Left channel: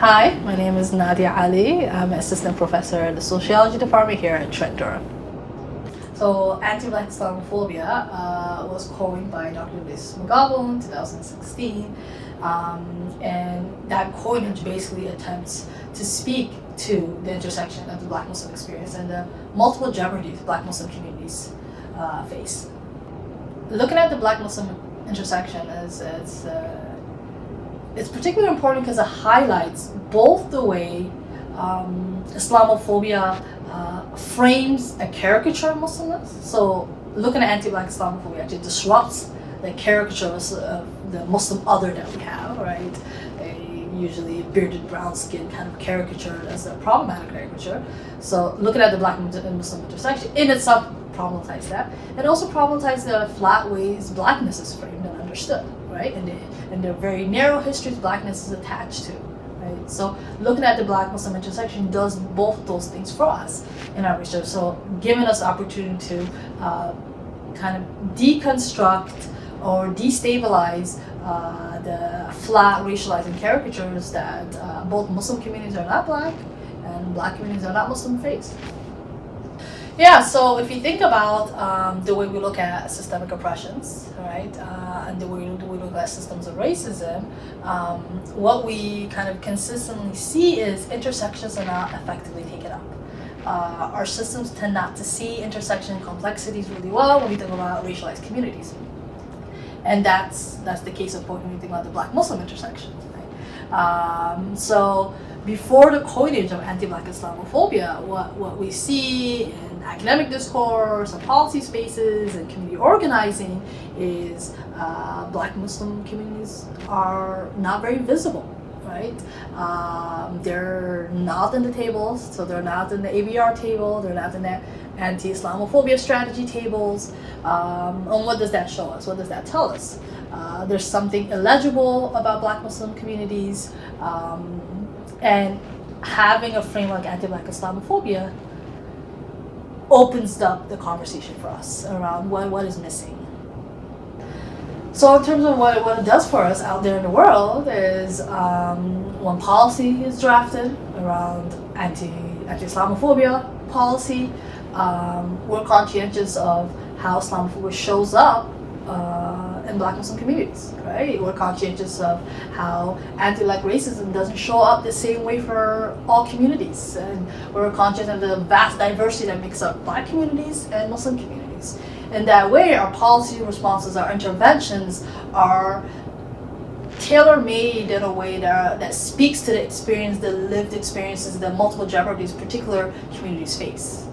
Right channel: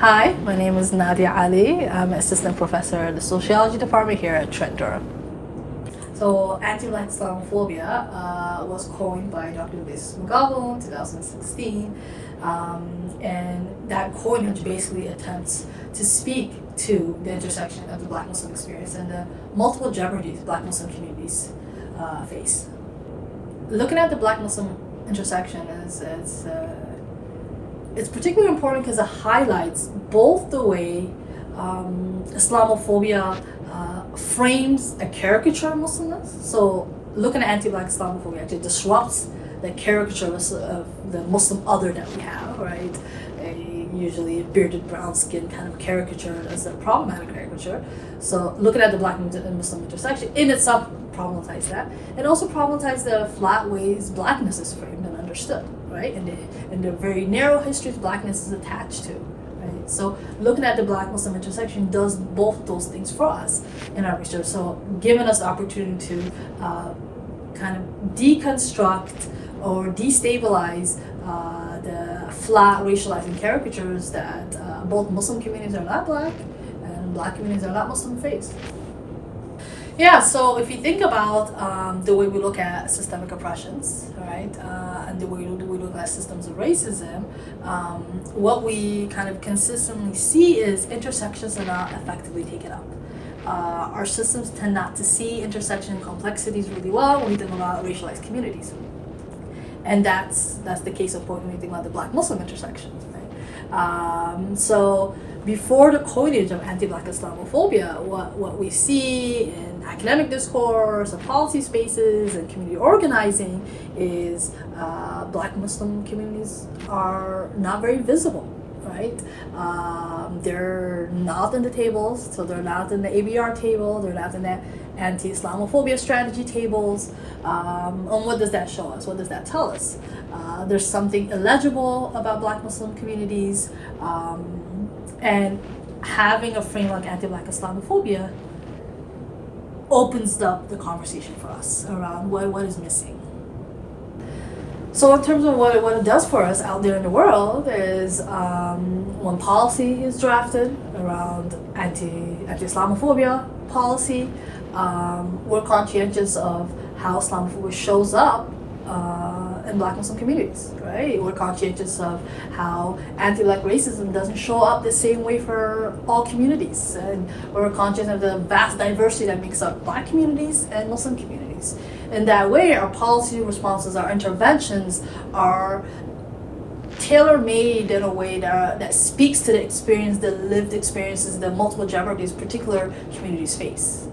Hi, my name is Nadiya Ali. I'm an assistant professor at the sociology department here at Trent Durham. So, Anti-Black Islamophobia was coined by Dr. McGovern in 2016, and that coinage basically attempts to speak to the intersection of the Black Muslim experience and the multiple jeopardies Black Muslim communities face. Looking at the Black Muslim intersection it's particularly important because it highlights both the way Islamophobia frames a caricature of Muslimness. So looking at anti-Black Islamophobia actually disrupts the caricature of the Muslim other that we have, right? Usually bearded, brown skin kind of caricature as a problematic caricature. So looking at the Black and Muslim intersection in itself problematizes that. It also problematizes the flat ways Blackness is framed and understood, right? And the very narrow histories Blackness is attached to, right? So looking at the Black Muslim intersection does both those things for us in our research. So giving us the opportunity to kind of deconstruct or destabilize the flat racializing caricatures that both Muslim communities are not Black and Black communities are not Muslim face. Yeah, so if you think about the way we look at systemic oppressions, right, and the way we look at systems of racism, what we kind of consistently see is intersections are not effectively taken up. Our systems tend not to see intersection complexities really well when we think about racialized communities. And that's the case of when we think about the Black Muslim intersection, right? So before the coinage of anti-Black Islamophobia, what we see in academic discourse and policy spaces and community organizing is Black Muslim communities are not very visible, right? They're not in the tables, so they're not in the ABR table, they're not in the anti-Islamophobia strategy tables. And what does that show us? What does that tell us? There's something illegible about Black Muslim communities, and having a framework anti-Black Islamophobia opens up the conversation for us around what is missing. So in terms of what it does for us out there in the world is when policy is drafted around anti-Islamophobia policy, we're conscientious of how Islamophobia shows up in Black Muslim communities, right? We're conscientious of how anti-Black racism doesn't show up the same way for all communities, and we're conscious of the vast diversity that makes up Black communities and Muslim communities. In that way, our policy responses, our interventions are tailor-made in a way that speaks to the experience, the lived experiences, the multiple jeopardies particular communities face.